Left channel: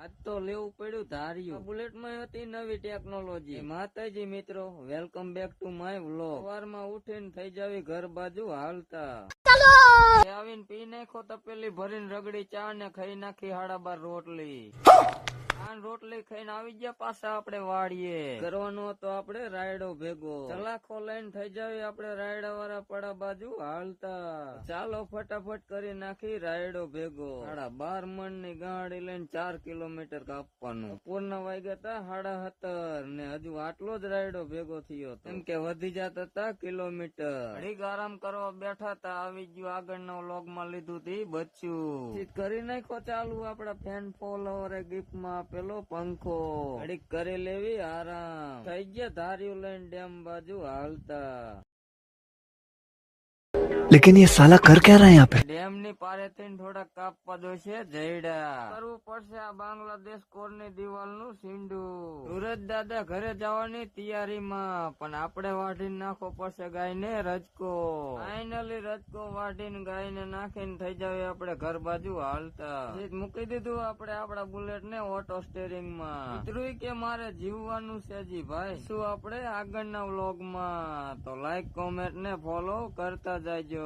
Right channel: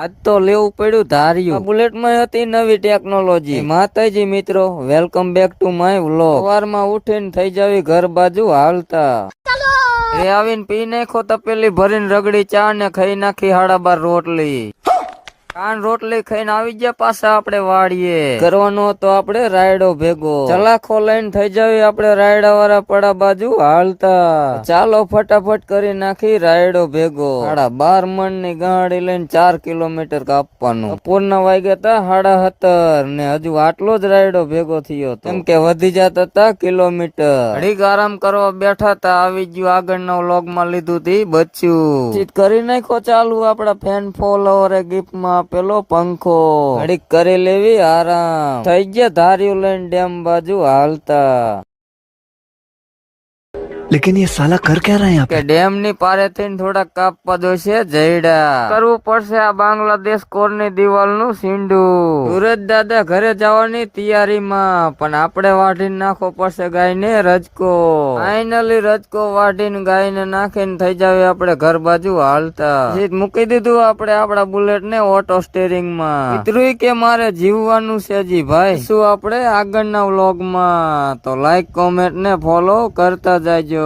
આજ તો લેવું પડ્યું ધાર્યું. બુલેટ માં હતી નવી ટેકનોલોજી. માતાજી મિત્રો, welcome back to my vlog. સવારમાં ઉઠીને થઈ જાવી ઘર બાજુ હાલતા. એ આવીને પી નાખો તપેલી ભરીને રગડી ચા ને ખાઈ નાખી 12:30 રોટલી. કાન રોટલી ખાઈને આવી ગયા પાછા આપણે વાડીએ. કરવાનો તો આપણે રાયડો ભેગો. ચલાખો લઈને થઈ જાવી આપણે રાયડા વાળા પડા બાજુ હાલતા. ચાલો ફટાફટ કરી નાખી રાયડો ભેગો. 12:30 મણ ની ગાડી લઈને 4 કિલોમીટર કાપવાનું. બપોરના વાગ્યા તા 7:30 ને હજુ આટલો જ રાયડો ભેગો થયો કેમ કે વધી જતા તા કિલોમીટર. ઘડીક આરામ કરવા બેઠા તા આવી ગયું આગળના વ્લોગ માં લીધું તી બચ્યું. કરી નાખો ચાલુ આપડા ફેન ફોલોવરે ગિફ્ટ માં પેલો પંખો. ઘડીક કરી લેવી આરામ. થઈ ગયા ધાર્યું લઈને ડેમ બાજુ હાલતા. लेकिन ये साला कर क्या रहा है यहाँ पे? ડેમ ની પારે થઈને થોડા કાપવા જોશે જયડા. કરવું પડશે આ બાંગ્લાદેશ કોરની દિવાલ નું સીંડું. સુરજ દાદા ઘરે જવાની તૈયારીમાં પણ આપણે વાઢીને નાખવો પડશે ગાય ને રજકો. ફાઇનલી રજકો વાઢીને ગાય ને નાખીને થઈ જાવે આપણે ઘર બાજુ હાલતા. મૂકી દીધું આપણે આપડા બુલેટ ને ઓટો સ્ટેરિંગ માં. મિત્રો કે મારે જીવવાનું છે જી ભાઈ. શું આપણે આગળના વ્લોગ માં તો લાઈક કોમેન્ટ ને ફોલો કરતા જાયજો.